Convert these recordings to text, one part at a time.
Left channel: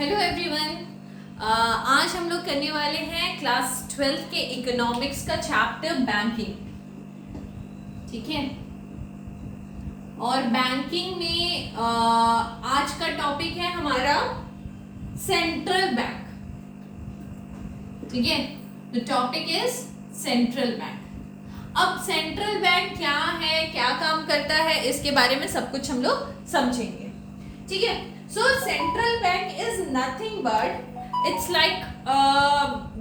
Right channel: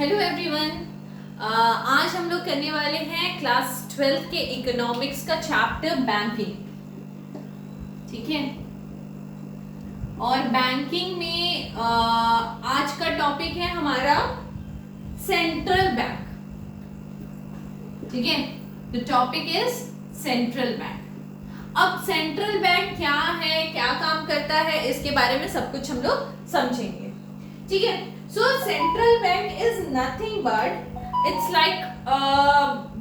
Hello everyone. आज हम लोग करने वाले हैं क्लास 12 के इकोनॉमिक्स का चैप्टर बैंकिंग। ठीक है, और बैंकिंग में आज का टॉपिक है हमारा सेंट्रल बैंक। ठीक है, the topic is central bank. अब सेंट्रल बैंक क्या है, क्या काम करता है, इसके बारे में सब कुछ हम लोग समझेंगे। ठीक है, so central bank is nothing but it's like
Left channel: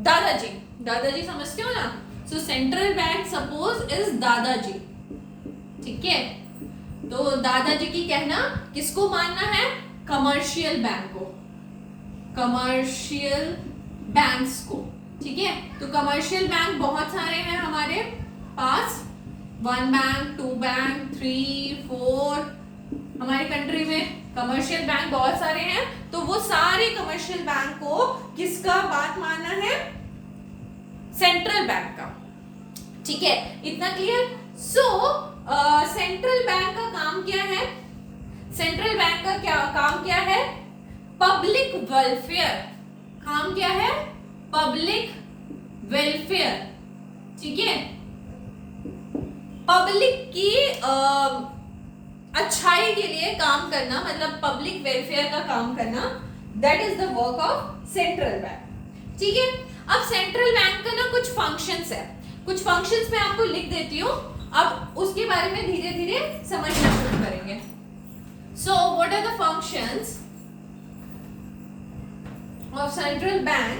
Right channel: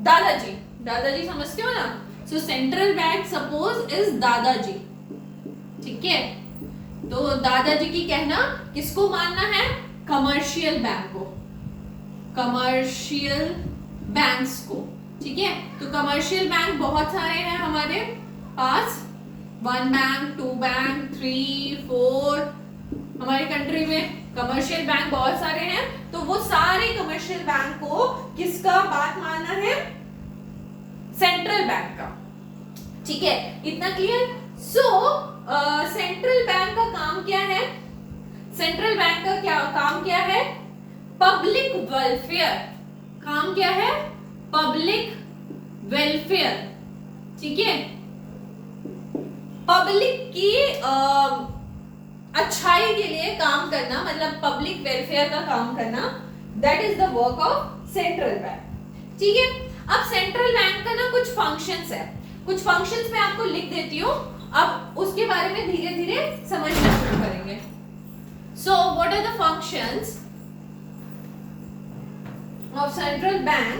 दादाजी समझते हो ना। so central bank suppose is दादाजी। ठीक है, तो दादाजी की कहना किसको मानना है? कमर्शियल बैंक को, कमर्शियल बैंक्स को। ठीक है, तो कमर्शियल बैंक बहुत सारे हैं हमारे पास, 1 बैंक 2 बैंक 3 4। हमारी कंट्री में कमर्शियल बैंक बहुत सारे हैं, तो वो सारे कमर्शियल बैंक को किसका बात मानना है? सेंट्रल बैंक का। ठीक है, इतना क्लियर। सो सेंट्रल बैंक का काम क्या है? सेंट्रल बैंक का क्या काम क्या है? Public welfare. काम क्या है? Public welfare. ठीक है, पब्लिक की अच्छाई के लिए काम करना, मतलब पब्लिक वेलफेयर का काम करना, that is the work of central bank. ठीक है, अब सेंट्रल बैंक का ना कुछ फंक्शंस है, कुछ फंक्शंस मैं आपको लिख देती हूँ, अब उसके बारे में धीरे धीरे समझना शुरू करेंगे। So what are the functions of central bank?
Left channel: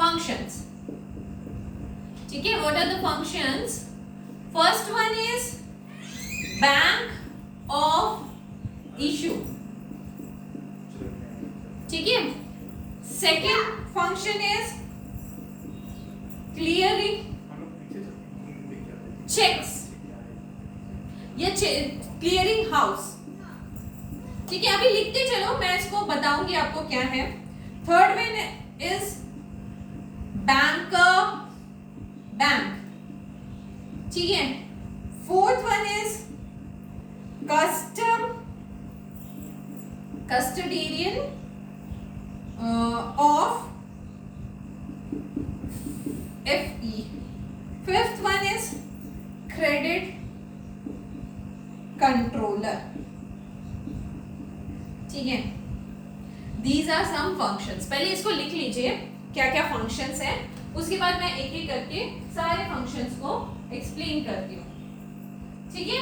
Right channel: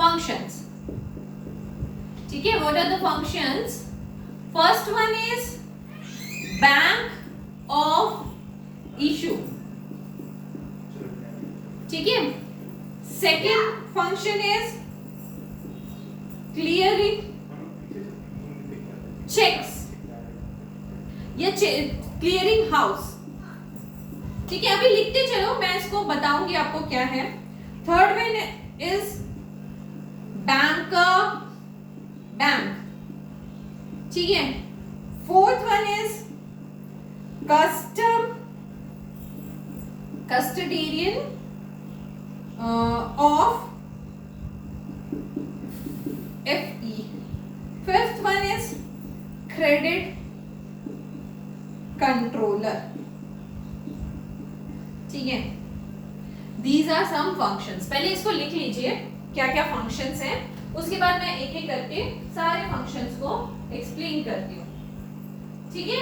Functions. ठीक है, what are the functions? First one is bank of issue. ठीक है, second function is clearing checks या clearing house. ठीक है, अभी लिखते चलो, मैं इसको बताऊंगी आपको क्या है। Third one is bank. ठीक है, fourth one is custodian of FE। Fifth one is credit controller. ठीक है, दीज आर सम फंक्शंस। पहले इसको लिख लीजिए क्या क्या फंक्शंस हैं, उसके बाद मैं एक एक करके सारे फंक्शंस को एक्सप्लेन करती हूँ। ठीक है,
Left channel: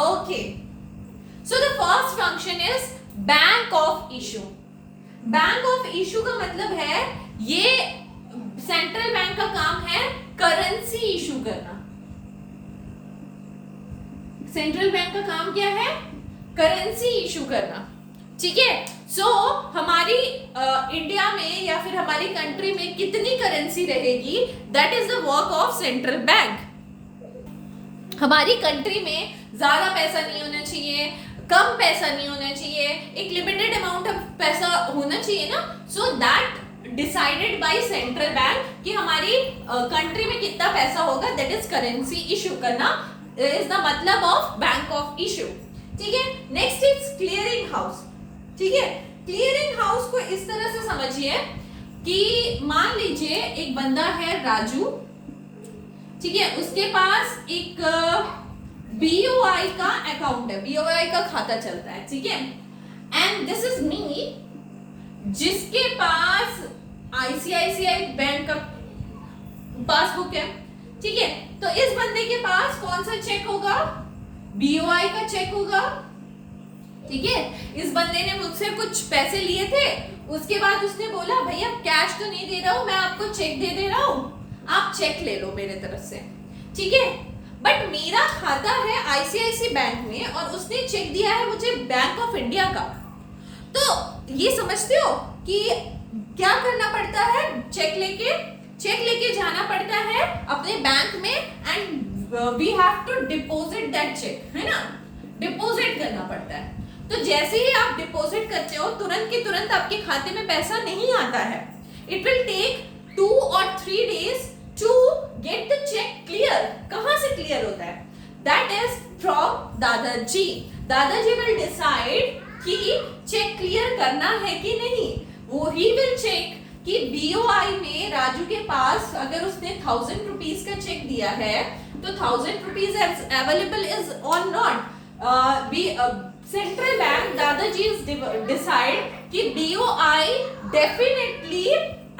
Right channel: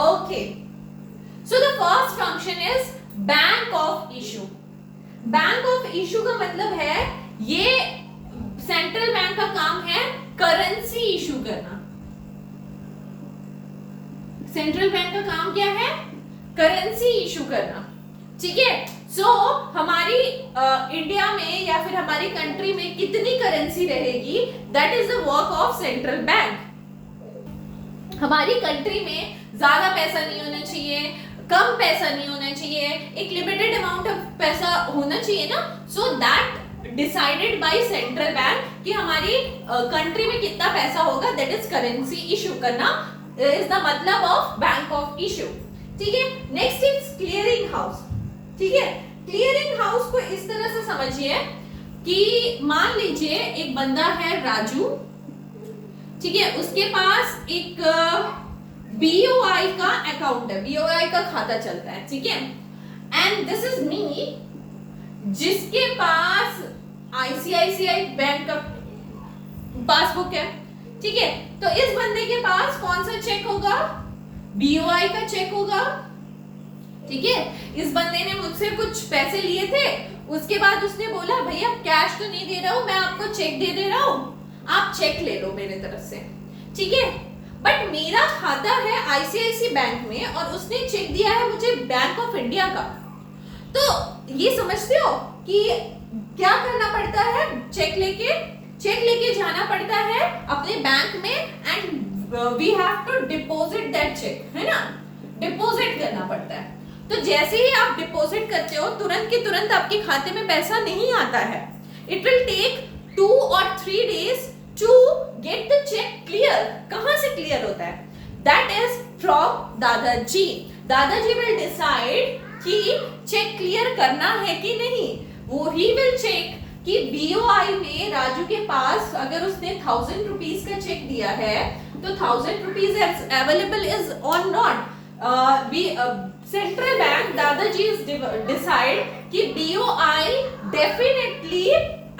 okay. So the first function is bank of issue. Bank of issue का मतलब है, ये सेंट्रल बैंक का काम है करेंसी इशू करना। सेंट्रल बैंक का काम क्या है? करेंसी इशू करना। ठीक है, सो हमारी इंडिया में या फिर हमारी कंट्री में कितनी करेंसी रहेगी, that is the work of central bank. हमारी कंट्री में ज्यादा पैसा नहीं होना चाहिए, कम पैसा नहीं होना चाहिए, एक लिमिटेड अमाउंट ऑफ पैसा होना चाहिए ना। So that decided by central bank कि हमारी कंट्री में कितना पैसा होगा, दैट इज करेंसी इशू करना, इज द मतलब ऑफ बैंक ऑफ इशू। ठीक है, नेक्स्ट इज क्लियरिंग हाउस। ठीक है, क्लियरिंग हाउस को इस तरह से समझिए कि मान लीजिए एक बंदा है राजू। ठीक है, उसके पास एक BOI का अकाउंट है, BOI का खाता चलता है। ठीक है, एंड दिस इज मी, जिसके पास ICICI बैंक का पासबुक है। ठीक है, तो इस बंदे के पास कौन सा चेक होगा? BOI का चेक होगा। ठीक है, इस बंदे ने मुझसे कुछ पैसे लिए थे, उसके बाद उसने बोला भैया कैश तो नहीं दे रहा हूं, मैं आपको चेक दे रहा हूं, आप चेक ले लो मेरे तरफ से। ठीक है, बट मेरा खाता है ICICI बैंक में और उसने चेक दिया है मुझे बैंक ऑफ इंडिया का। तो ये समझते हो कि क्या करना पड़ता है? चेक लेके जाना पड़ता है अपने बैंक में, and we have to deposit that cheque, है ना, डिपॉजिट करना पड़ता है। तो जैसे ही आप डिपॉजिट करते हो, तुरंत के तुरंत आपके खाते में पैसा नहीं आता है। It will take 2 or 3 days to get the cheque clear. कहां से क्लियर होता है? दैट इज फ्रॉम दादाजी। दादाजी विल डिसाइड कि चेक क्लियर करना है कि नहीं। वो ही विल चेक कि बीओआई में राजू के पास अगर उसने 1000 रुपीज का चेक दिया है तो 1000 रुपीज अवेलेबल इज और नॉट। सेंट्रल बैंक दादाजी डिसाइड कि बीओआई डेफिनेटली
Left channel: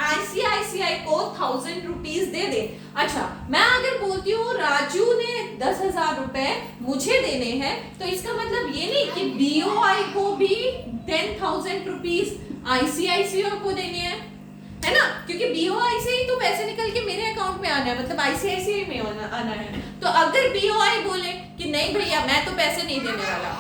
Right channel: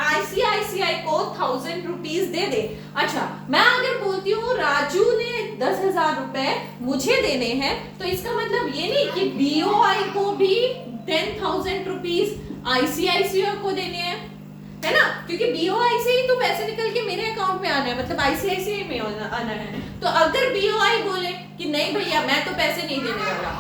आईसीआईसीआई को 1000 रुपीज दे दे। अच्छा, मैं अगर बोलती हूँ राजू ने 10,000 रुपए मुझे देने हैं, तो इसका मतलब ये नहीं कि बीओआई को भी 10,000 रुपीज आईसीआईसीआई को देने हैं, है ना, क्योंकि बीओआई से ही तो पैसे निकल के मेरे अकाउंट में आना है, मतलब आईसीआईसीआई में आना है। तो अगर बीओआई बोले कि नहीं भैया मैं तो पैसे नहीं देने वाला,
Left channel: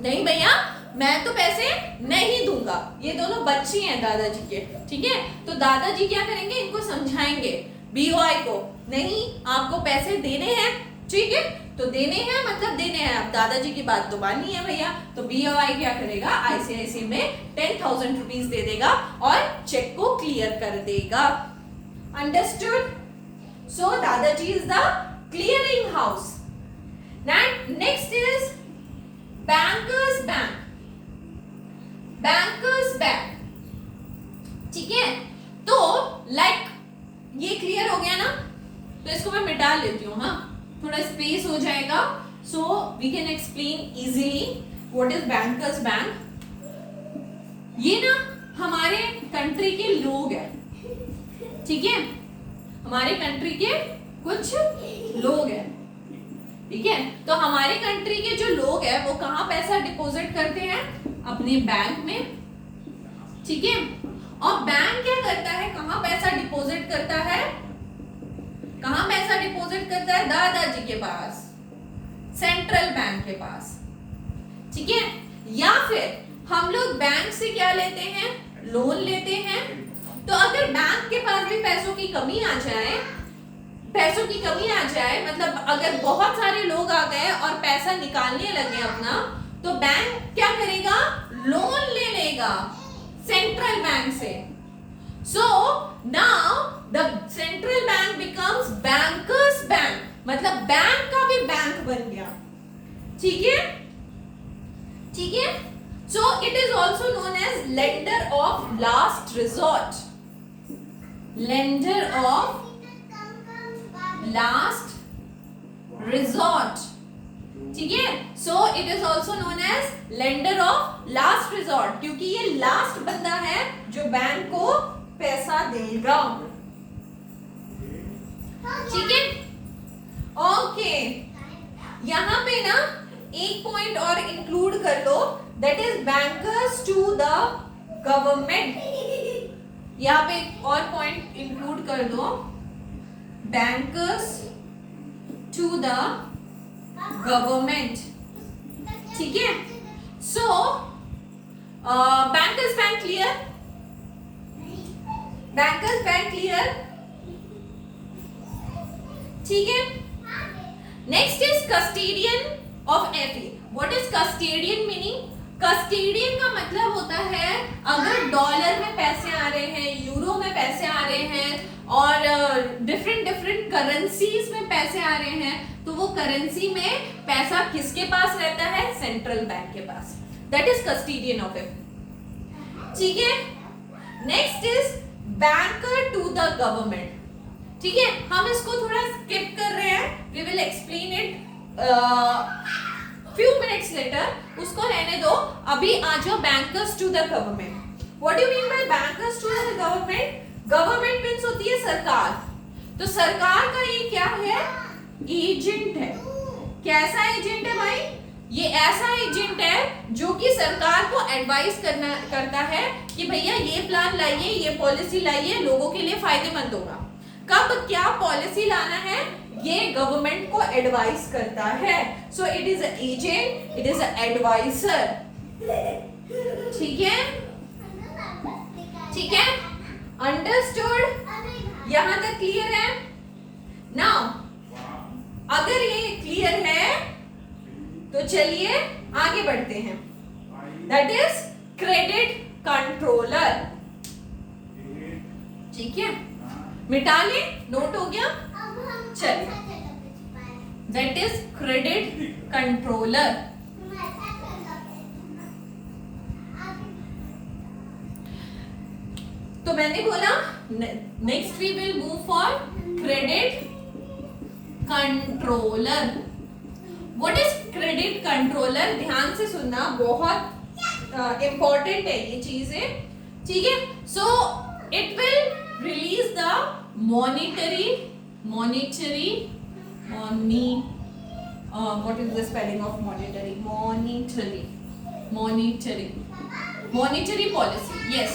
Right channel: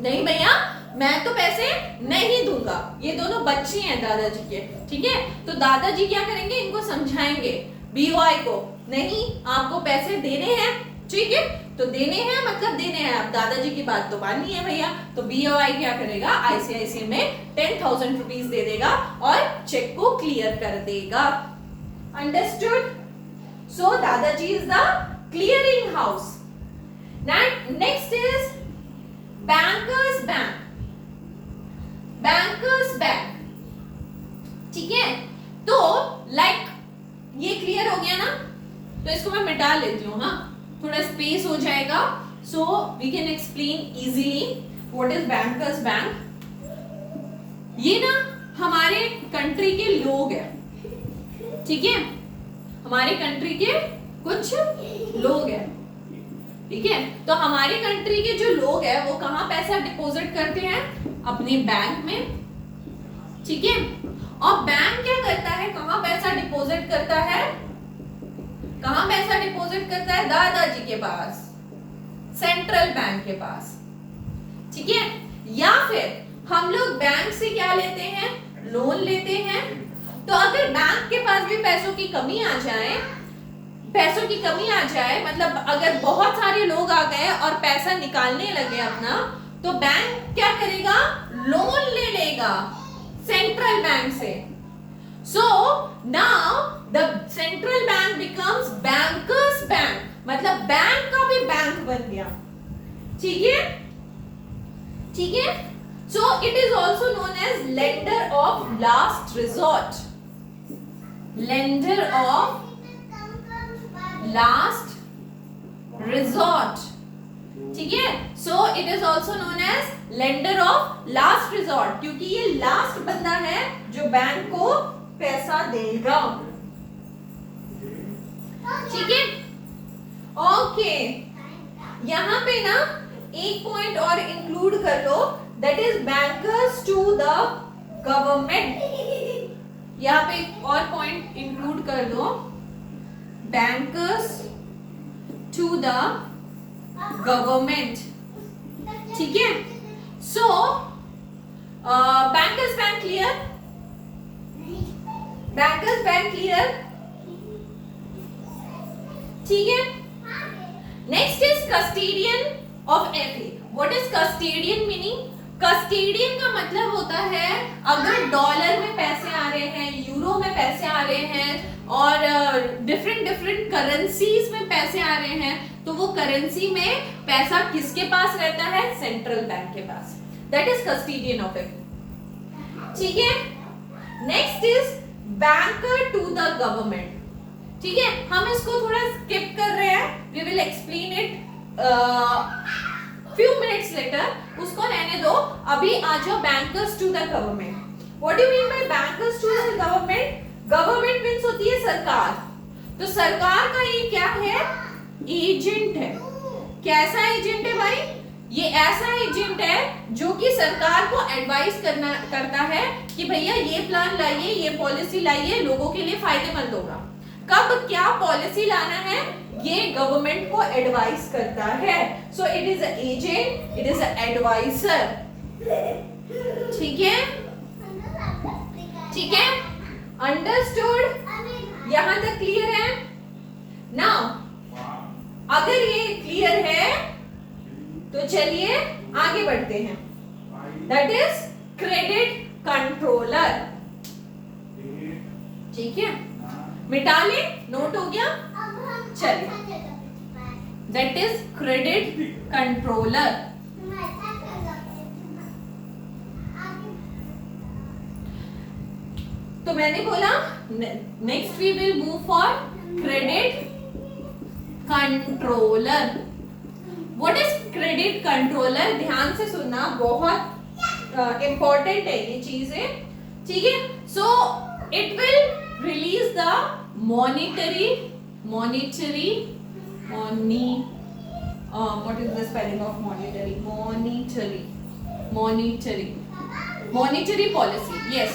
नहीं भैया मैं तो पैसे नहीं दूंगा, ये दोनों बच्चे हैं दादाजी के, ठीक है, तो दादाजी क्या करेंगे, इनको समझाएंगे बीओआई को, नहीं आपको पैसे देने हैं, ठीक है, तो देने हैं मतलब देने हैं, अब दादाजी की बात तो माननी है भैया। तो बीओआई क्या करेगा, आईसीआईसीआई में 10,000 रुपीज दे देगा और चेक को क्लियर कर देगा। अंडरस्टूड? सो दादाजी is the clearing house. Next is bankers bank. Bankers bank, ठीक है, तो लाइक ये क्लियर हो गया ना, तो इसको मैं मिटा लेती हूँ, हाँ, थोड़ा स्पेस हो जाएगा, so we can explain easily what is bankers bank. ये ना हमारे कंट्री के लोग हैं, ठीक है, हमारे कंट्री के कुछ लोग हैं, ठीक है, तो हमारे कंट्री के जो लोग हैं वो कहाँ पैसा डिपॉजिट करते हैं, अपने बैंक में, ठीक है, और बैंक क्या करता है, कहाँ पैसा डिपॉजिट करता है, कहाँ पैसा डिपॉजिट करता है, दादाजी के पास, सेंट्रल बैंक के पास, ठीक है, या फिर हम लोग बैंक से क्या लेते हैं, लोन लेते हैं। तो अगर बैंक के पास भी पैसों की कमी आ जाए, मतलब अगर बहुत सारे लोग आ गए और पैसा निकालने लगे अपना, तो बैंक क्या करेगा, लोन ले लेगा सेंट्रल बैंक से। So now the central bank becomes bankers bank, मतलब बैंक का भी बैंक बन गया, ठीक है, ठीक है। So it is also known as lender of last resort, lender of last resort, ठीक है, so it is also known as lender of last resort, क्योंकि ये लास्ट बंदा है जो बैंक को पैसा देगा, ठीक है, ओके। यहां पे ना एक पॉइंट और इंक्लूड कर लो, that is bankers to the government. यहां पे एक और पॉइंट इंक्लूड कर दो, बैंकर्स टू द गवर्नमेंट, ठीक है। So bankers bank clear, bankers bank clear, ठीक है। Next is custodian of FD. What is custodian meaning? Custodian का मतलब होता है अगर डॉलर में पैसे आ रहे हैं, यूरो में पैसे आ रहे हैं और डिफरेंट करेंसीज में पैसे आ रहे हैं, तो वो करेंसी में पैसा किसके पास रहता है, सेंट्रल बैंक के पास, that is custodian of it, ठीक है। Next is banker to the government, ठीक है, हम इसको थोड़ा स्किप कर रहे हैं, we will explain it few minutes later, उसको रहने दो, अभी आ जाओ bankers to the government. What do mean by bankers to the government? Government means होती है सरकार, तो सरकार का ये क्या है, एजेंट है। कैसा एजेंट है भाई? ये ऐसा एजेंट है जो कि सरकार को एडवाइस करता है कि भैया ये प्लान लाइए, ये पॉलिसी लाइए, लोगों के लिए फायदेमंद होगा। कब क्या पॉलिसी लाना है, ये गवर्नमेंट को एडवाइस करता है। So it is agent, it is adviser, ठीक है, ठीक है, अंडरस्टूड? यहां तक क्लियर है? नाउ अगर ये क्लियर है तो चलिए आगे बढ़ते हैं, दैट इज क्रेडिट कंट्रोलर, ठीक है, मिटा ले, नोट हो गया, चलिए, that is credit controller, next we will move for credit controller. What is credit controller? ध्यान से सुनना, बहुत इंपॉर्टेंट है ये चीजें, ठीक है. So it will release the monetary what is the spelling of monetary? Monetary policy, yes,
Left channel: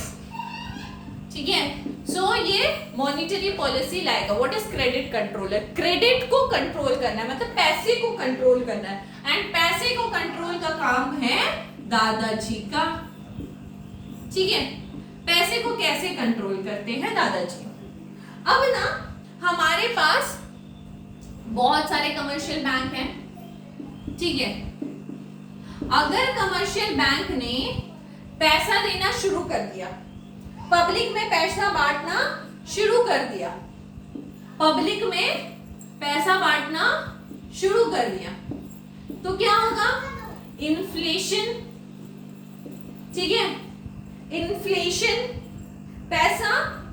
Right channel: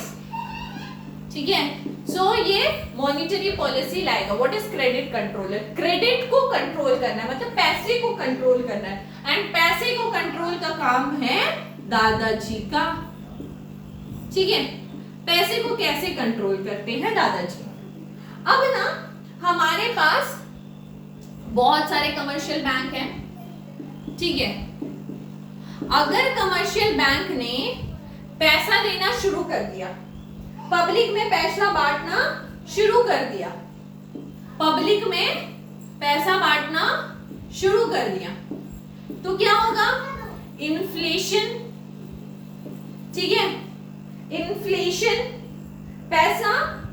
ठीक है. सो ये मॉनिटरी पॉलिसी लाएगा. What is credit controller? Credit को कंट्रोल करना है, मतलब पैसे को कंट्रोल करना है. एंड पैसे को कंट्रोल का काम है दादाजी का, ठीक है. पैसे को कैसे कंट्रोल करते हैं दादाजी? अब ना हमारे पास बहुत सारे कमर्शियल बैंक हैं, ठीक है. अगर कमर्शियल बैंक ने पैसा देना शुरू कर दिया, पब्लिक में पैसा बांटना शुरू कर दिया, पब्लिक में पैसा बांटना शुरू कर दिया, तो क्या होगा? इन्फ्लेशन, ठीक है. इन्फ्लेशन, पैसा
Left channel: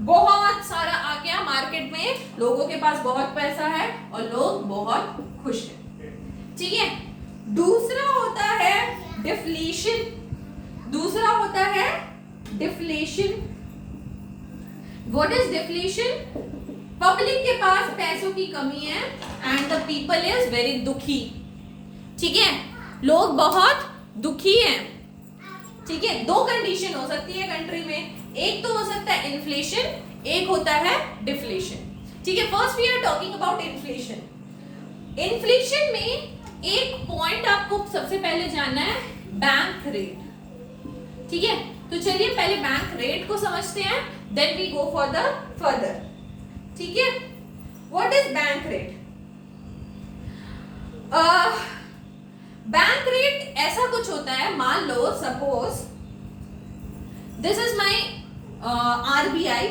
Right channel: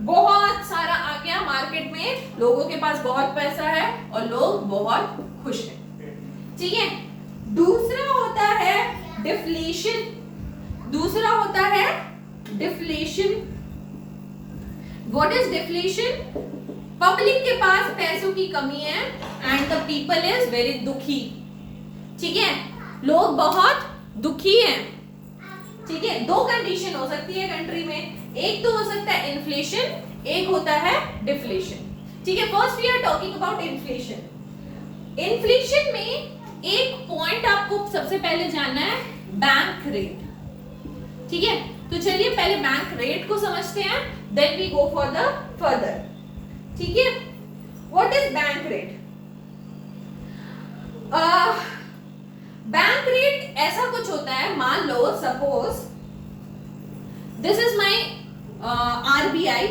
बहुत सारा आ गया मार्केट में, लोगों के पास बहुत पैसा है और लोग बहुत खुश हैं, ठीक है. दूसरा होता है डिफ्लेशन. दूसरा होता है deflation. What is deflation? Public के पास पैसों की कमी है and the people is very दुखी, ठीक है. लोग बहुत दुखी हैं, ठीक है. दो कंडीशन हो सकती है कंट्री में, एक तो हो सकता है इन्फ्लेशन, एक होता है डिफ्लेशन, ठीक है. First we are talking about inflation. Inflation में एक पॉइंट आपको सबसे पहले जानना है, बैंक रेट, ठीक है. तो चलिए पहले बैंक रेट को समझते हैं, then we go for the further, ठीक है. What is bank rate? Bank rate ऐसा कुछ होता है, मान लो suppose this is my RBI,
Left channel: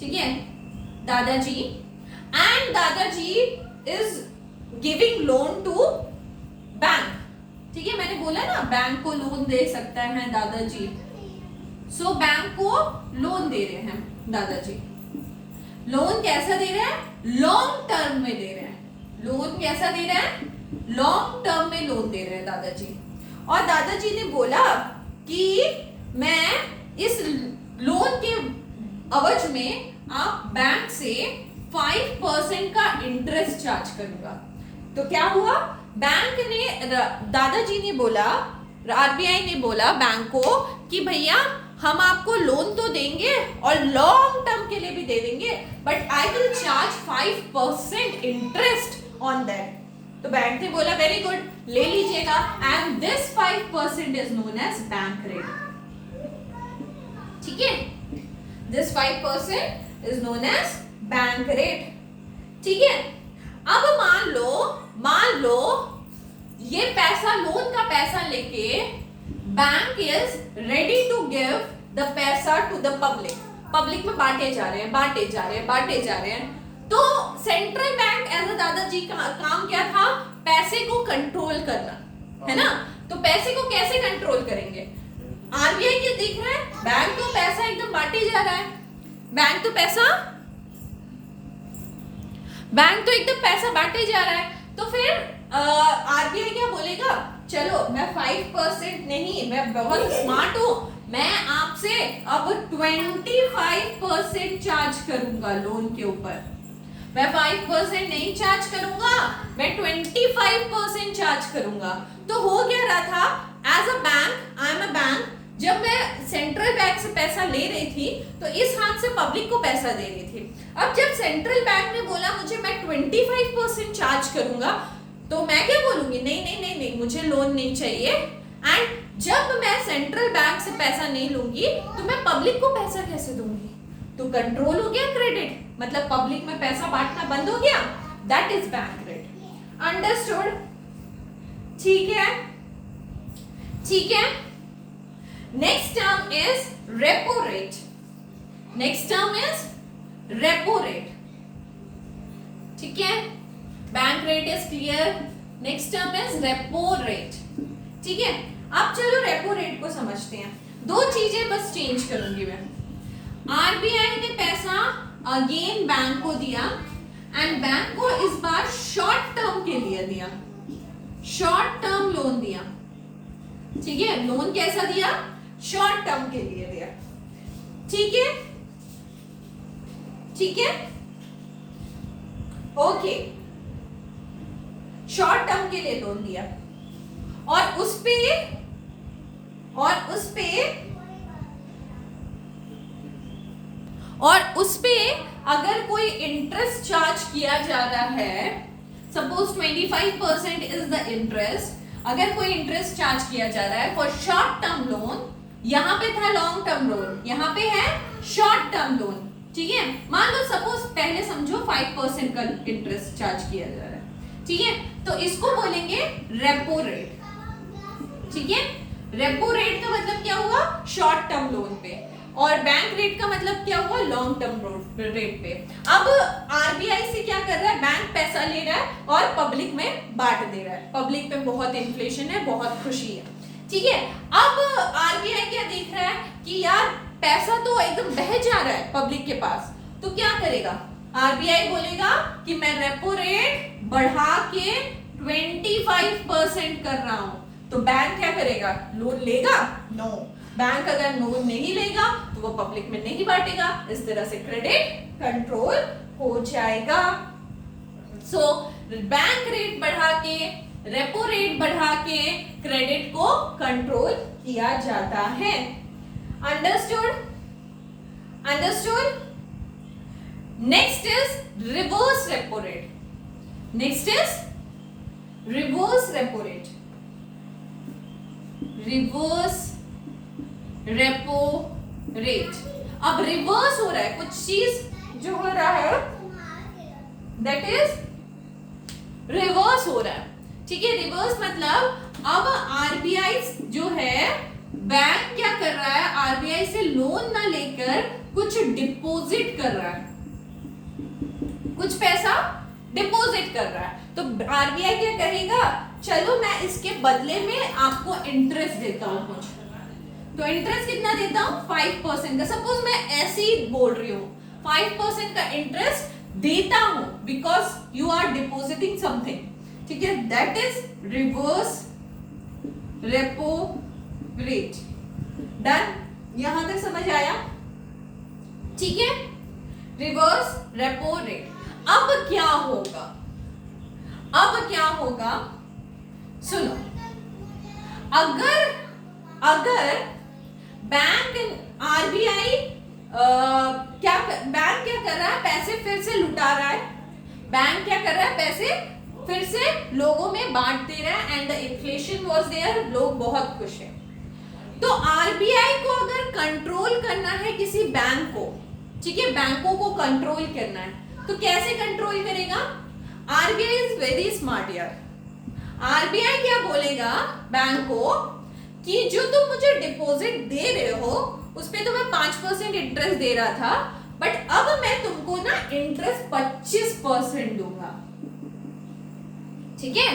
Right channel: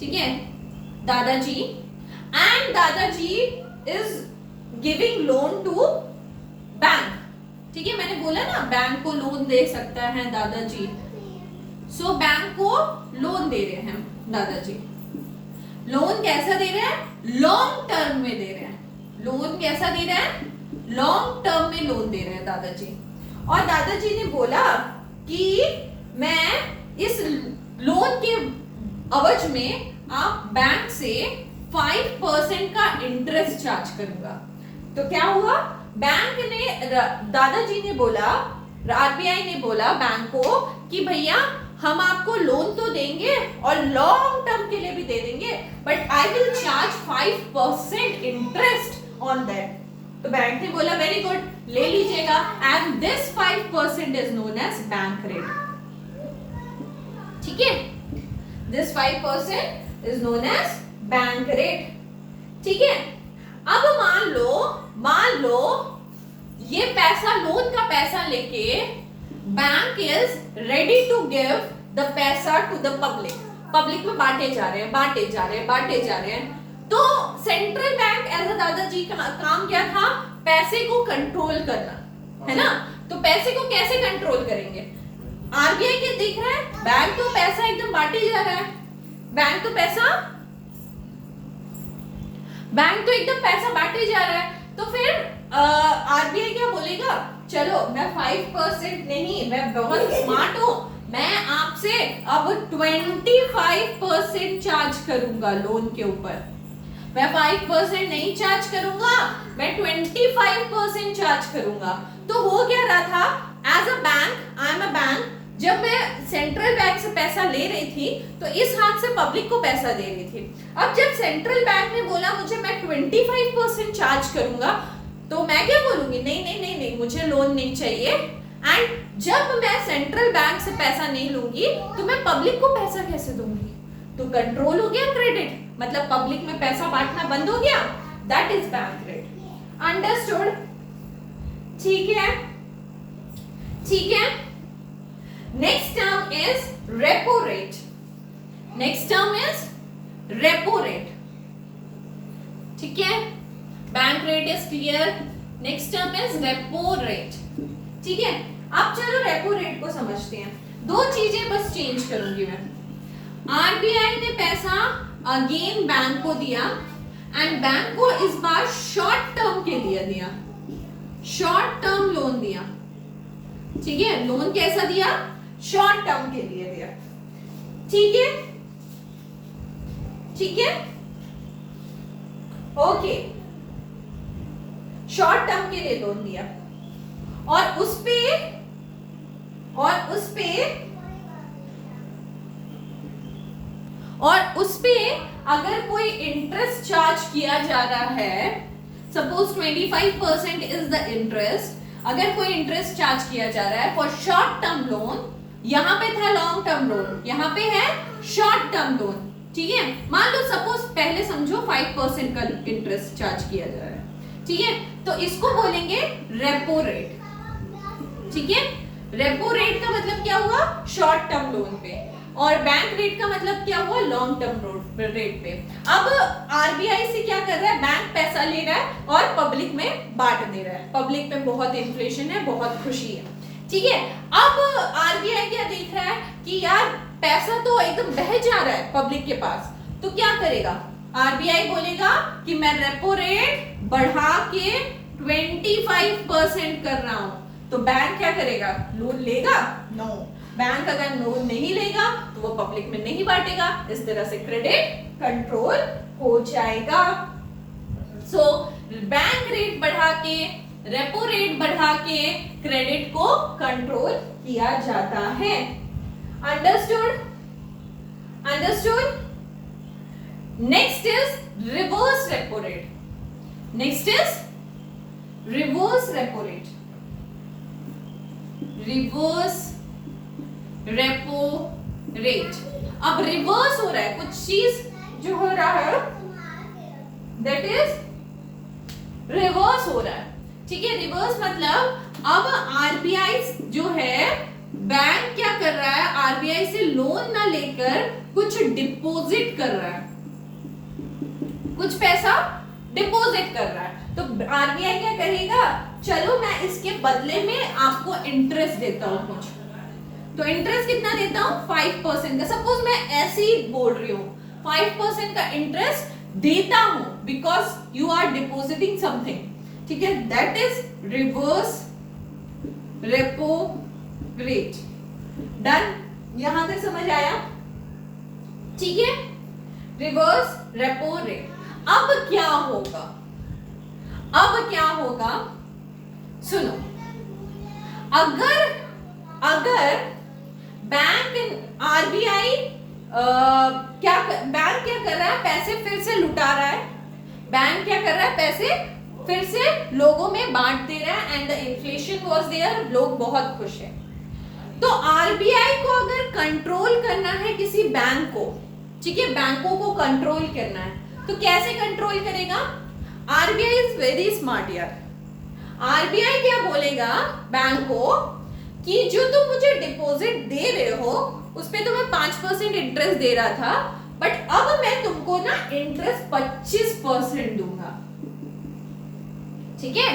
ठीक है, दादाजी, एंड दादाजी is giving loan to bank, ठीक है. मैंने बोला ना बैंक को लोन दे सकता है दादाजी. सो बैंक को लोन दे रहे हैं दादाजी. लोन कैसा दे रहे हैं? लॉन्ग टर्म में दे रहे हैं. लोन कैसा दे रहे हैं? लॉन्ग टर्म में लोन दे रहे हैं दादाजी. और दादाजी ने बोला कि मैं इस लोन के अवज में आप बैंक से 5% का इंटरेस्ट चार्ज करूंगा. तो क्या हुआ? बैंक ने, दादाजी ने बोला, RBI ने बोला बैंक को कि भैया हम आपको लोन तो देंगे और लॉन्ग टर्म के लिए भी दे देंगे, but I will charge 5% interest on that. तो बैंक ने बोला वेरी गुड, ले लीजिएगा. And this 5% is known as bank rate, ठीक है. This 5% is known as bank rate, ठीक है. अब मान लो ये पैसा, लोन का पैसा लेके bank is ready to give the पैसा टू द पब्लिक. पब्लिक में बांटे जा रहे हैं. तो सेंट्रल बैंक एज अ दादाजी का काम क्या था? पैसे को कंट्रोल करना, है ना. तो पैसे को कैसे कंट्रोल करेंगे? RBI के दिख रहा है बैंक तो पैसा एकदम बांटे जा रहा है, बैंक तो एकदम पैसा बांटे जा रहा है. तो फिर RBI क्या बोलेगा? चलो मैं 5% नहीं, मैं बहुत स्मार्ट हूं, मैं आपसे अब 25% चार्ज करूंगा लोन के ऊपर. मैं 5% नहीं चार्ज करूंगा, मैं 25% चार्ज करूंगा. तो हो क्या रहा था? As a bank, I am a bank, जब मैं सेंट्रल बैंक से पैसा ले रही थी तो इस हाथ से पब्लिक को पैसा दे रही थी. अब जब सेंट्रल बैंक ने बोला मुझे मैं 25% चार्ज करूंगा, तो मैं क्या बोलूंगी? नहीं, मुझे लोन नहीं चाहिए. एंड जब मैं सेंट्रल बैंक से पैसा नहीं लूंगी तो मैं पब्लिक को पैसा कैसे दूंगी? तो कंट्रोल हो गया क्रेडिट, मतलब पब्लिक में पैसा बांटना बंद हो गया. That is bank rate. Understood? ठीक है. Next term is repo rate. ठीक है, bank rate is clear. Next term is repo rate. ठीक है, अब चलो रेपो रेट को समझते हैं. दो चीजें बस चेंज करूंगी मैं. आरबीआई ने पैसा अगेन बैंक को दिया एंड बैंक को इस बार शॉर्ट टर्म के लिए दिया, शॉर्ट टर्म लोन दिया। ठीक है, लोन कैसा दिया? शॉर्ट टर्म के लिए दिया। ठीक है, ठीक है, ओके, शॉर्ट टर्म के लिए लोन दिया और उस पे अगर कोई इंटरेस्ट चार्ज किया जा रहा है, सपोज 25% इज द इंटरेस्ट, अगर कोई इंटरेस्ट चार्ज किया जा रहा है फॉर शॉर्ट टर्म लोन, यहां पे था लॉन्ग टर्म लोन, यहां पे है शॉर्ट टर्म लोन। ठीक है, मान लो सपोज पहले समझो 5% का इंटरेस्ट चार्ज किया जा रहा है। ठीक है, तो इसको बोलेंगे रेपो रेट। ठीक है, रेपो रेट का मतलब क्या हुआ? शॉर्ट टर्म लोन पे, और बैंक रेट का मतलब क्या हुआ? लॉन्ग टर्म रेट पे। अब आरबीआई से क्या कर रहा है? बैंक पैसा ले रहा है और पब्लिक में बांट दे रहा है। पब्लिक पे बहुत इन्फ्लेशन है, बहुत खुशी है। ठीक है, अब आरबीआई क्या देख रहा है कि यार पैसा तो एकदम बह जा रहा है पब्लिक के पास, तो क्या करेगा? आरबीआई बोलेगा कि मैं रेपो रेट बढ़ा के 25% कर रहा हूं, तो बैंक क्या करेगा? लोन लेगा? नो, बैंक अगर लोन नहीं लेगा तो वो पब्लिक में नहीं बांटेगा, इस तरह से क्रेडिट कंट्रोल हो जाएगा। सो बैंक रेट बढ़ा के, रेपो रेट बढ़ा के क्रेडिट को कंट्रोल किया जाता है। Understood? Understood? Next is reverse repo rate. Next is reverse repo rate. Reverse repo rate. अब रिवर्स हो रहा है, कुछ चीज जो हो रहा है दैट इज रिवर्स हो रहा है। ठीक है, रिवर्स मतलब अब आरबीआई जो है, बैंक क्या कर रहा है? आरबीआई से लोन ना लेकर कुछ डिपॉजिट कर रहा है, कुछ पैसा डिपॉजिट कर रहा है। तो आरबीआई क्या कहेगा? चलो मैं इसके बदले में आपको इंटरेस्ट देता हूं कुछ। तो इंटरेस्ट कितना देता हूं? 5% का। सपोज मैं ऐसे ही बोल रही हूं 5% का इंटरेस्ट देता हूं because you are depositing something. ठीक है, that is reverse repo rate. Done? यहां तक समझ आया? ठीक है, रिवर्स रेपो रेट। अब क्या होगा? अब क्या होगा? सुनो, अगर बैंक आरबीआई बैंक क्या कर रहा है? पैसे फिर से लुटा रहा है। बैंक क्या कर रहा है? पैसे फिर से लोगों में बांट दे रहा है and the inflation was there, लोग बहुत खुश हैं। तो आरबीआई को अगर कंट्रोल करना है किसी बैंक को, ठीक है, बैंकों को कंट्रोल करना है, तो कैसे कंट्रोल करेगा? आरबीआई इज वेरी स्मार्ट यार। आरबीआई क्या बोलेगा बैंक को कि जो तुम मुझे डिपॉजिट दे रहे हो उस पे तो मैं 5% इंटरेस्ट दे रहा था, बट अब मैं तुमको ना इंटरेस्ट 25% दूंगा। ठीक है,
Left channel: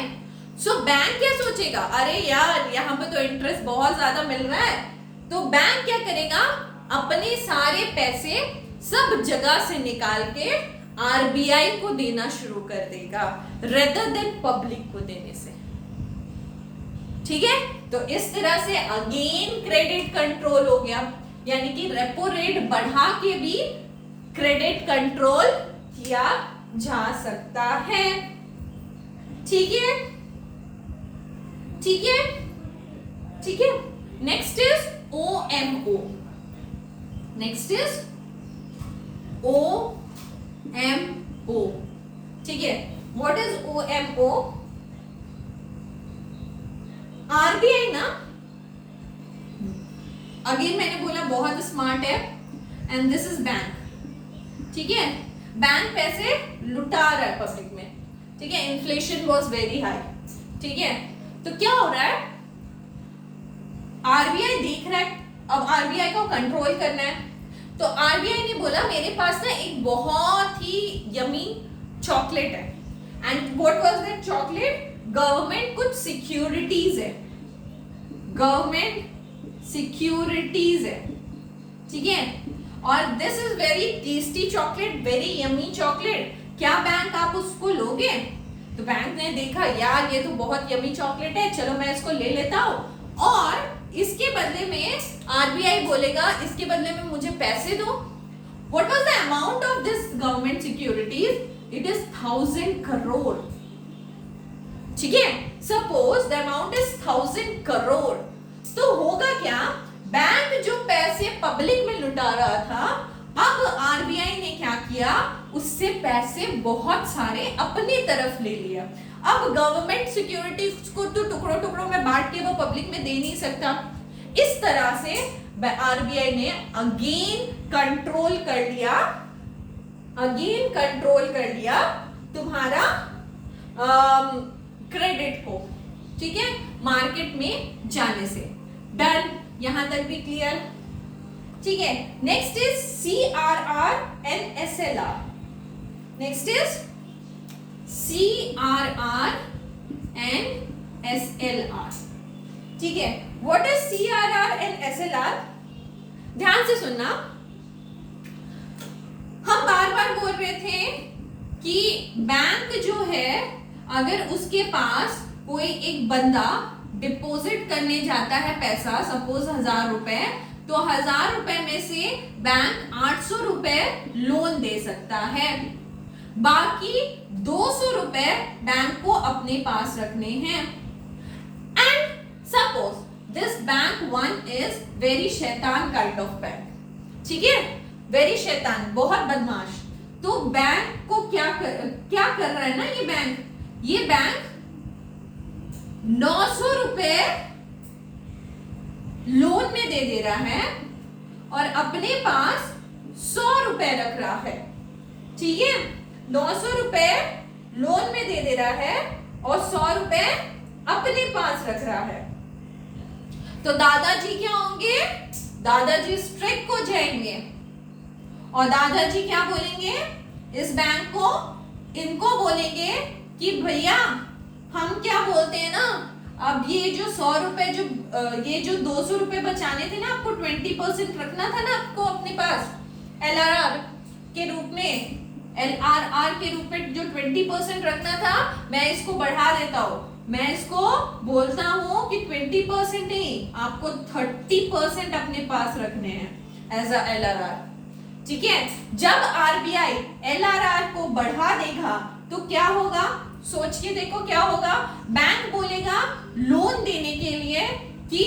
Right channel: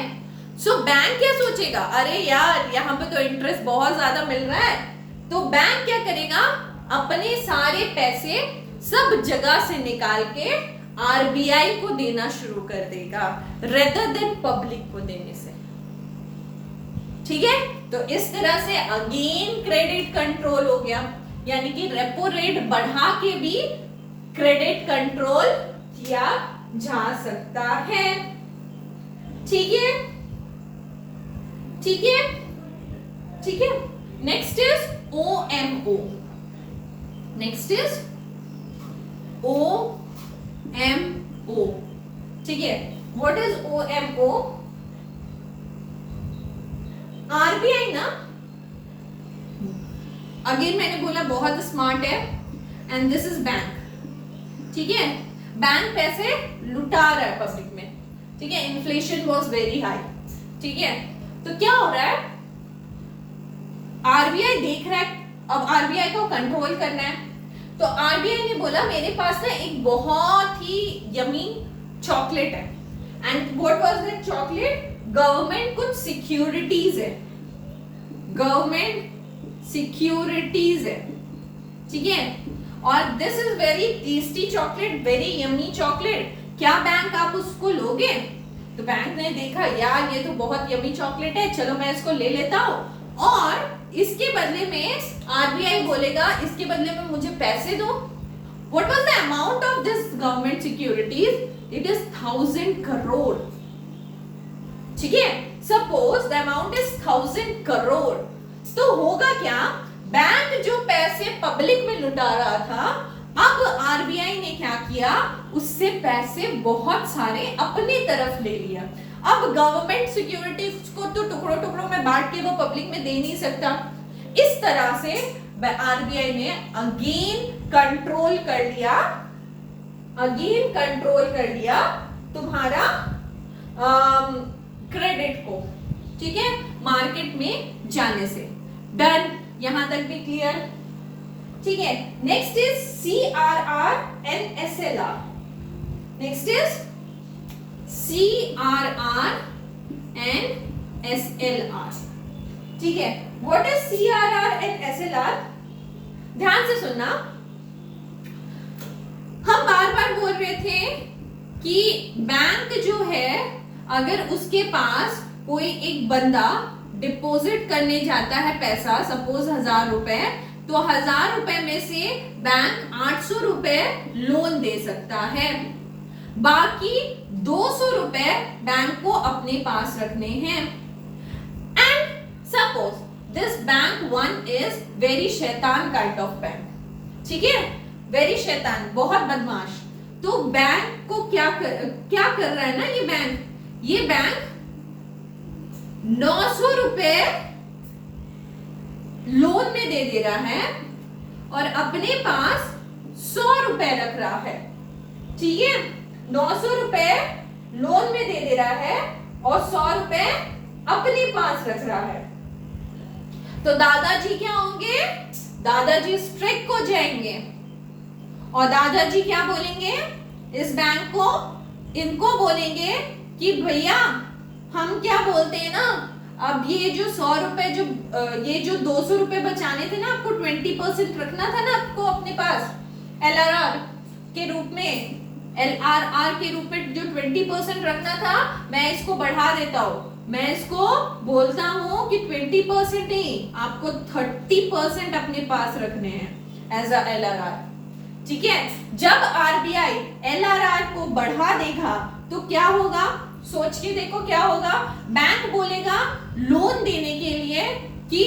सो बैंक क्या सोचेगा? अरे यार यहाँ पे तो इंटरेस्ट बहुत ज्यादा मिल रहा है, तो बैंक क्या करेगा? अपने सारे पैसे सब जगह से निकाल के आरबीआई को देना शुरू कर देगा रेदर देन पब्लिक को देने से। ठीक है, तो इस तरह से अगेन क्रेडिट कंट्रोल हो गया, यानी कि रेपो रेट बढ़ा के भी क्रेडिट कंट्रोल किया जा सकता है। ठीक है, ठीक है, ठीक है। Next is OMO. Next is OMO. ठीक है, व्हाट इज ओएमओ? आरबीआई ना, अगेन मैंने बोला बहुत स्मार्ट है, एंड दिस इज बैंक। ठीक है, बैंक पैसे लुटा रहा है पब्लिक में। ठीक है, इन्फ्लेशन वाज वेरी हाई। ठीक है, तो क्या हो रहा है? आरबीआई देख रहा है, अब आरबीआई को कंट्रोल करना है, तो आरबीआई ने बोला मेरे पास ना एक बहुत ही यमी चॉकलेट है, and what was that chocolate? Government कुछ सिक्योरिटीज है, गवर्नमेंट सिक्योरिटीज है। ठीक है, और this is very tasty chocolate, very yummy chocolate, क्या बैंक आप उसको लोगे? तो बैंक ने देखा यार ये तो बहुत यम्मी चॉकलेट है, चलो मैं इसको ले लेता हूँ, और इसके बदले में आरबीआई बोलेगा इसके बदले में मुझे पैसे दो। What was the amount of this government securities? It is 1000 crore. ठीक है, suppose the amount is 1000 crore, तो होगा क्या, बैंक जो पैसे पब्लिक में लुटा रहा था, अब आरबीआई ने क्या किया, उससे पैसे बहुत सारे अपनी तरफ ले लिया। अब गवर्नमेंट सिक्योरिटीज को तो टुकड़ों टुकड़ों में बांट के वो पब्लिक में दे नहीं सकता, इस तरह से आरबीआई ने अगेन कंट्रोल कर लिया तुम्हारा क्रेडिट को, ठीक है, मार्केट में जाने से। डन, यहां तक भी क्लियर? ठीक है, next is CRR and SLR। Next is CRR and SLR। ठीक है, what is CRR and SLR? ध्यान से सुनना, हम बार बार बोल रहे थे कि बैंक जो है, अगर उसके पास कोई एक बंदा डिपॉजिट करने जाता है पैसा, सपोज 1000 रुपए, तो 1000 रुपए में से बैंक 800 रुपए लोन दे सकता है, बाकी 200 रुपए बैंक को अपने पास रखने हैं। And suppose this bank one is very शैतान काइंड ऑफ बैंक, ठीक है, वेरी शैतान, बहुत बदमाश। तो बैंक को क्या कर रहा है ना, ये बैंक 900 रुपए लोन में दे रहा है और अपने पास 100 रुपए रख रहा है, ठीक है, 900 रुपए लोन में दे रहा है और 100 रुपए अपने पास रख रहा है। तो दादाजी क्या होंगे, दादाजी स्ट्रिक्ट हो जाएंगे और दादाजी क्या बोलेंगे, इस बैंक को, इनको बोलेंगे कि भैया हम क्या बोलते हैं ना, अब ये जो 100 रुपए ये जो 200 रुपए बचाने थे ना, आपको 20% रखना था ना आपको अपने पास LRR के रूप में, LRR के रूप में जो 20% रखना था, मैं इसको बढ़ा देता हूँ, मैं इसको बोलता हूँ कि 20% नहीं, आपको 30% अपने पास रखने हैं एज अ LRR, ठीक है। जब आरबीआई LRR को बढ़ा देगा तो क्या होगा, सोच के देखो क्या होगा, बैंक बोलेगा लोन देने के लिए कि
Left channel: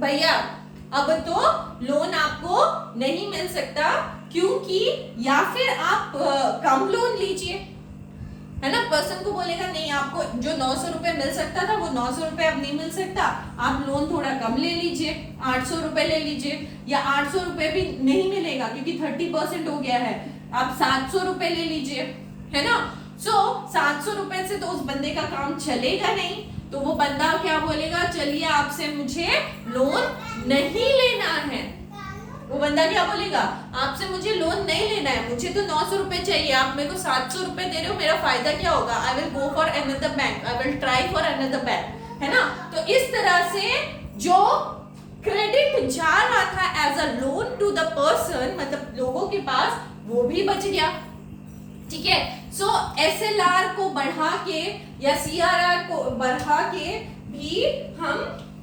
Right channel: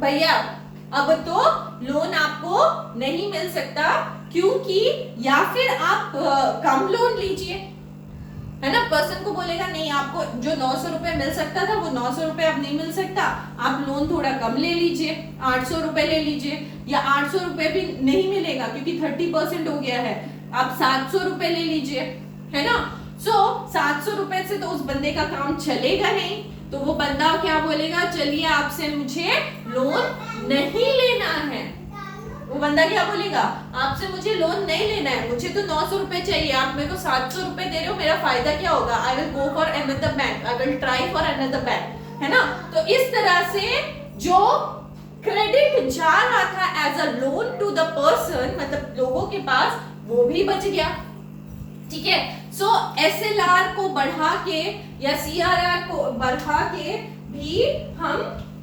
भैया अब तो लोन आपको नहीं मिल सकता, क्योंकि या फिर आप कम लोन लीजिए, है ना, पर्सन को बोलेगा नहीं, आपको जो 900 रुपए मिल सकता था वो 900 रुपए अब नहीं मिल सकता, आप लोन थोड़ा कम ले लीजिए, 800 रुपए ले लीजिए, या 800 रुपए भी नहीं मिलेगा क्योंकि 30% हो गया है, आप 700 रुपए ले लीजिए, है ना। सो 700 रुपए से तो उस बंदे का काम चलेगा नहीं, तो वो बंदा क्या बोलेगा, चलिए आपसे मुझे लोन नहीं लेना है, वो बंदा क्या बोलेगा, आपसे मुझे लोन नहीं लेना है, मुझे तो 900 रुपए चाहिए, आप मेरे को 700 रुपए दे रहे हो, मेरा फायदा क्या होगा, I will go for another bank, I will try for another bank, है ना। तो इस तरह से जो क्रेडिट जा रहा था as a loan to the person, मतलब लोगों के पास, वो भी बच गया, ठीक है। सो SLR को बढ़ा के या CRR को बढ़ा के भी हम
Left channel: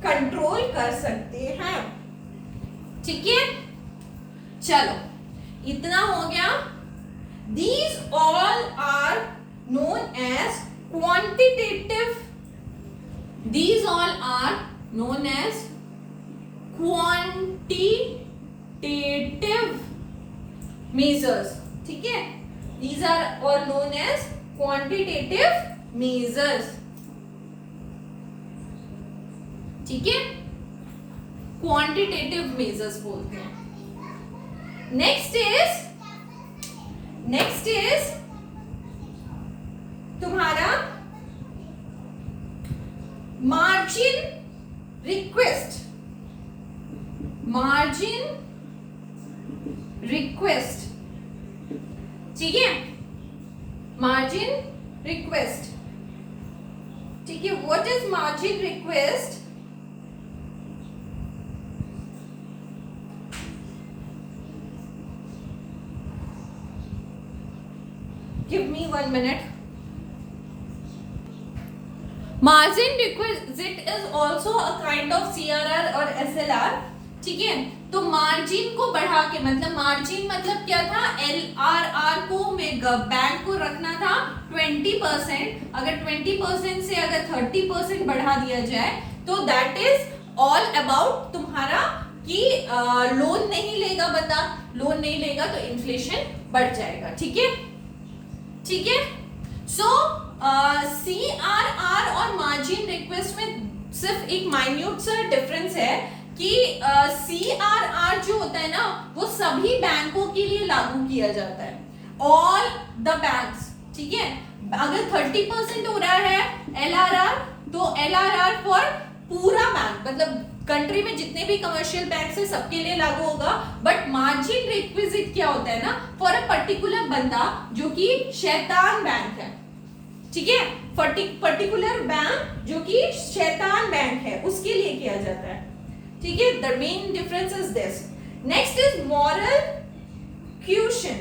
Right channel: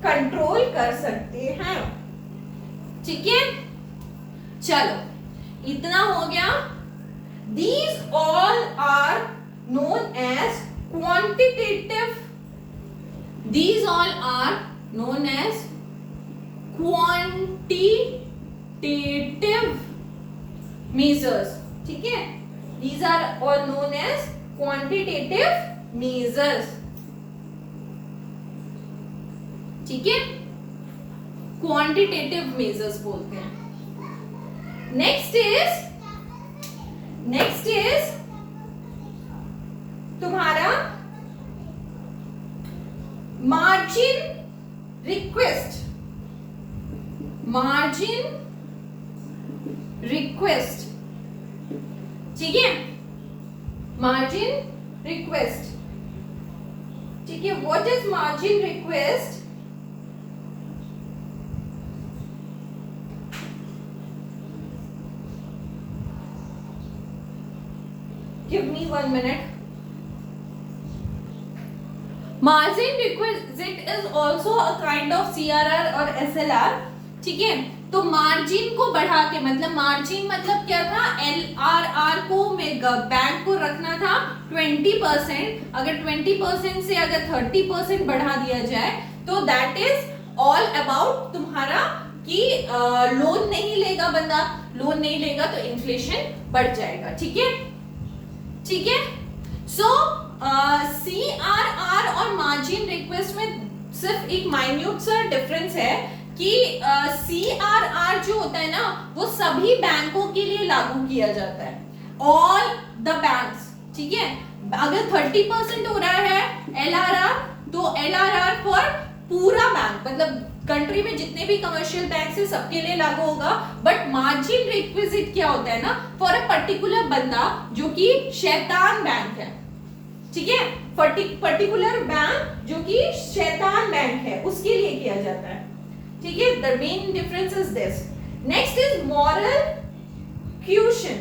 कंट्रोल कर सकते हैं, ठीक है। चलो इतना हो गया। These all are known as quantitative. These all are known as quantitative measures, ठीक है। These are all known as quantitative measures, ठीक है, quantitative measures बोलते हैं। नेक्स्ट इज तुम्हारा मार्जिन रिक्वेस्ट, ठीक है, मार्जिन रिक्वेस्ट, ठीक है। What is margin request? 1 minute. Margin requisite is also a kind of CRR और SLR. ठीक है, तो मार्जिन को बढ़ा के, मतलब मार्जिन मतलब क्या था, LRR को बैंक को रखना था 20%. अगर 20% से अगर 30% बढ़ा दिया जाए तो दैट इज ऑल अबाउट तुम्हारा कि लोन नहीं लेगा बंदा, लोन नहीं लेगा तो इन्फ्लेशन बढ़ जाएगा. ठीक है, ठीक है. सो CRR और मार्जिन रिक्वेस्ट में सिर्फ एक माइन्यूट सा डिफरेंस है कि CRR जो होता है ना वो सभी बैंकों के लिए लागू किया जाता है, ऑल द बैंक्स. ठीक है, अगर 30% हो रहा है LRR तो LRR फॉर पूरा बैंक, मतलब कंट्री में जितने भी कमर्शियल बैंक है सबके लिए लागू होगा. बट मार्जिन रिक्विजिट क्या होता है ना, फॉर अ पर्टिकुलर बंदा जो कि शैतान बैंक है. ठीक है, पर्टिकुलर बैंक जो कि शैतान बैंक है उसके लिए किया जाता है. ठीक है, the main difference is this. Next is moral caution.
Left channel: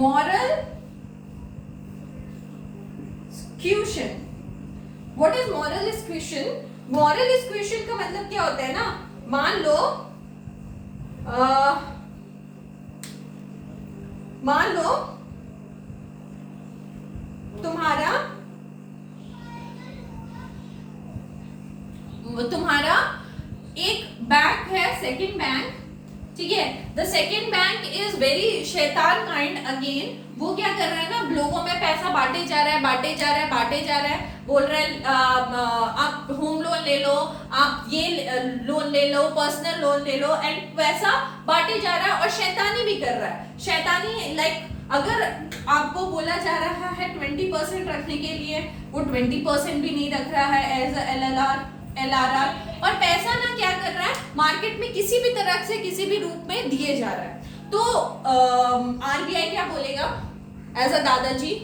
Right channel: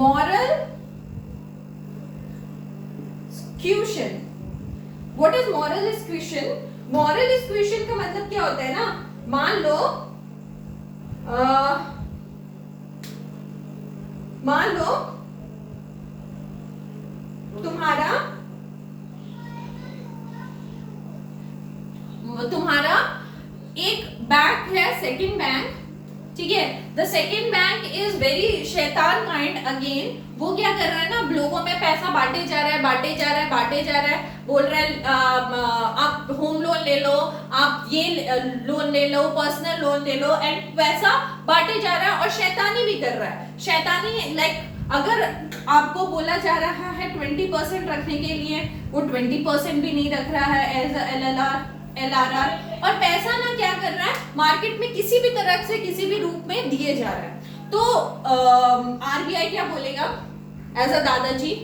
Moral caution. What is moral caution? Moral caution का मतलब क्या होता है ना, मान लो तुम्हारा एक बैंक है, सेकंड बैंक. ठीक है, the second bank is very शैतान काइंड अगेन. वो क्या कर रहा है ना, लोगों में पैसा बांटे जा रहा है, बोल रहा है आप होम लोन ले लो, आप ये लोन ले लो, पर्सनल लोन ले लो, एंड पैसा बांटे जा रहा है और शैतानी भी कर रहा है. शैतानी लाइक अगर आपको बोला जा रहा है 20% रखने के लिए, वो 20% भी नहीं रख रहा है एज LRR, और पैसा ना क्या कर रहा है, मार्केट में किसी भी तरह से किसी भी रूप में दिए जा रहा है. तो RBI क्या बोलेगा, एज अ दादाजी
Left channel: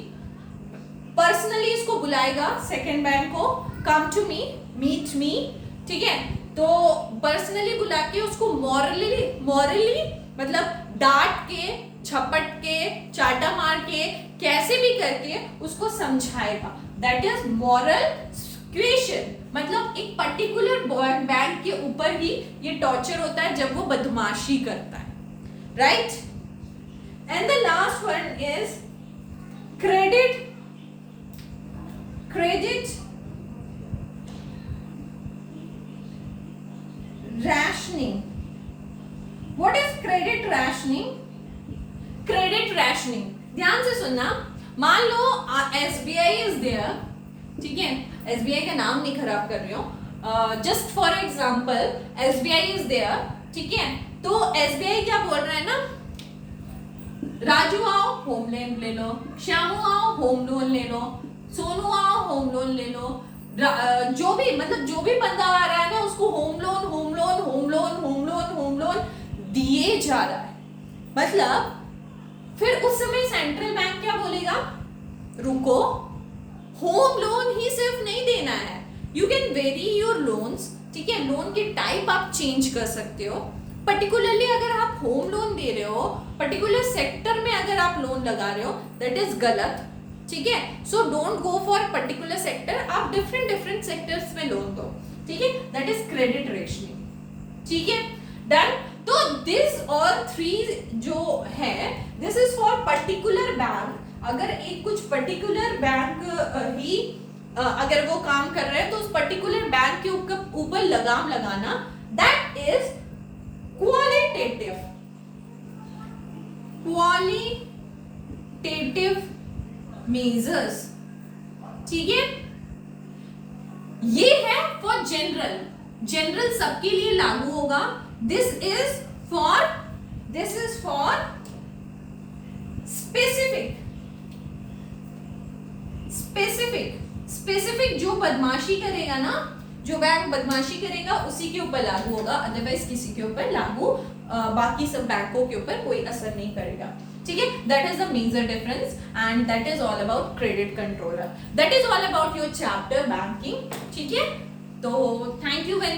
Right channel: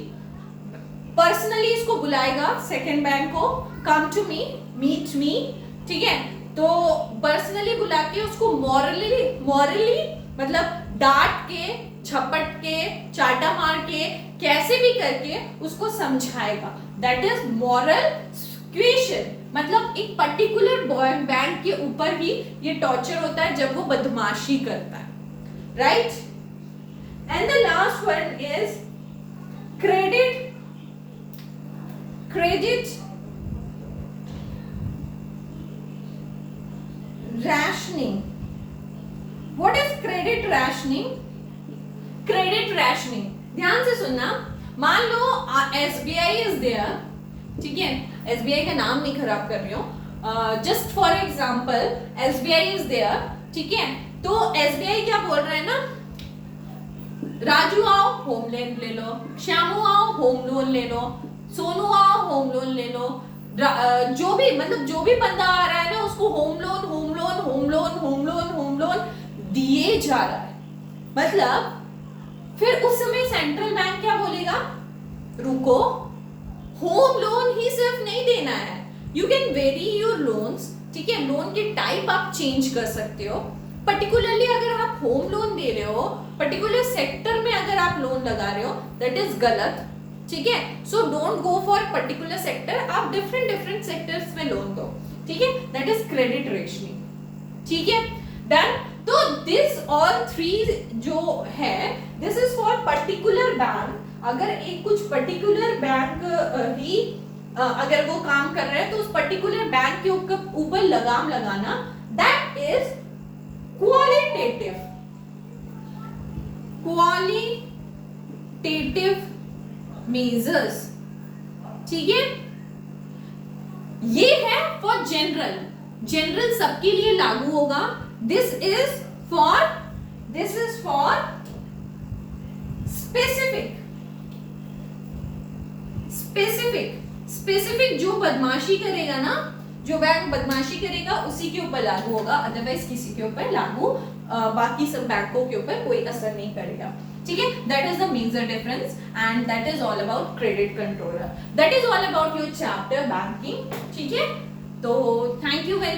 पर्सनली इसको बुलाएगा, सेकंड बैंक को, come to me, meet me. ठीक है, तो पर्सनली बुला के उसको मॉरली मतलब डांट के, झपट के, चाटा मार के, कैसे भी करके उसको समझाएगा. That is moral question. मतलब एक पर्टिकुलर बैंक के ऊपर ही ये टॉर्चर होता है जब वो बदमाशी करता है. Right, and the last one is credit rationing. What is credit rationing? Credit rationing, ध्यान से सुनना. मान लो SBI is there. ठीक है, SBI का नाम नहीं खराब कर रही हूँ, just for example SBI is there. ठीक है, तो SBI क्या बोल रहा है ना, राजू आओ होम लोन ले लो, श्यामू आओ होम लोन ले लो, सोनू आओ होम लोन ले लो, जो भी मतलब जो भी बंदा आ रहा है ना उसको होम लोन दिए जा रहा है. मतलब फिर उस समय सेंट्रल बैंक क्या बोलेगा, रुको, होम लोन ही सिर्फ नहीं देना है, you can very your loans. ठीक है, लोन की टाइप आप चेंज कर सकते हो. पर्टिकुलरली अगर आप होम लोन दे रहे हो, पर्टिकुलर सेक्टर में अगर आप लोन लगा रहे हो, दैट इज गलत. ठीक है, so don't go for particular sector, आप डिफरेंट सेक्टर्स में लोन दो. ठीक है, दैट इज क्रेडिट रेशनिंग. ठीक है, डन. तो दिस ऑल थ्री जो है, this is for particular bank. अगर एक कुछ पर्टिकुलर बैंक ही अगर वो काम कर रहे हैं तो उस पर्टिकुलर बैंक के ऊपर लगाम लगाना, दैट इज क्वालिटेटिव मेजर्स. ठीक है, ये है फॉर जनरल सबके लिए लागू होगा. दिस इज फॉर स्पेसिफिक जो बदमाशी करेगा ना, जो बैंक बदमाशी करेगा उसी के ऊपर लागू होगा, अदरवाइज किसी के ऊपर लागू बाकी सब बैंकों के ऊपर कोई असर नहीं करेगा. ठीक है, that is the major difference and that is all about credit controller. That is all about your chapter banking. ठीक है, तो थैंक यू वेरी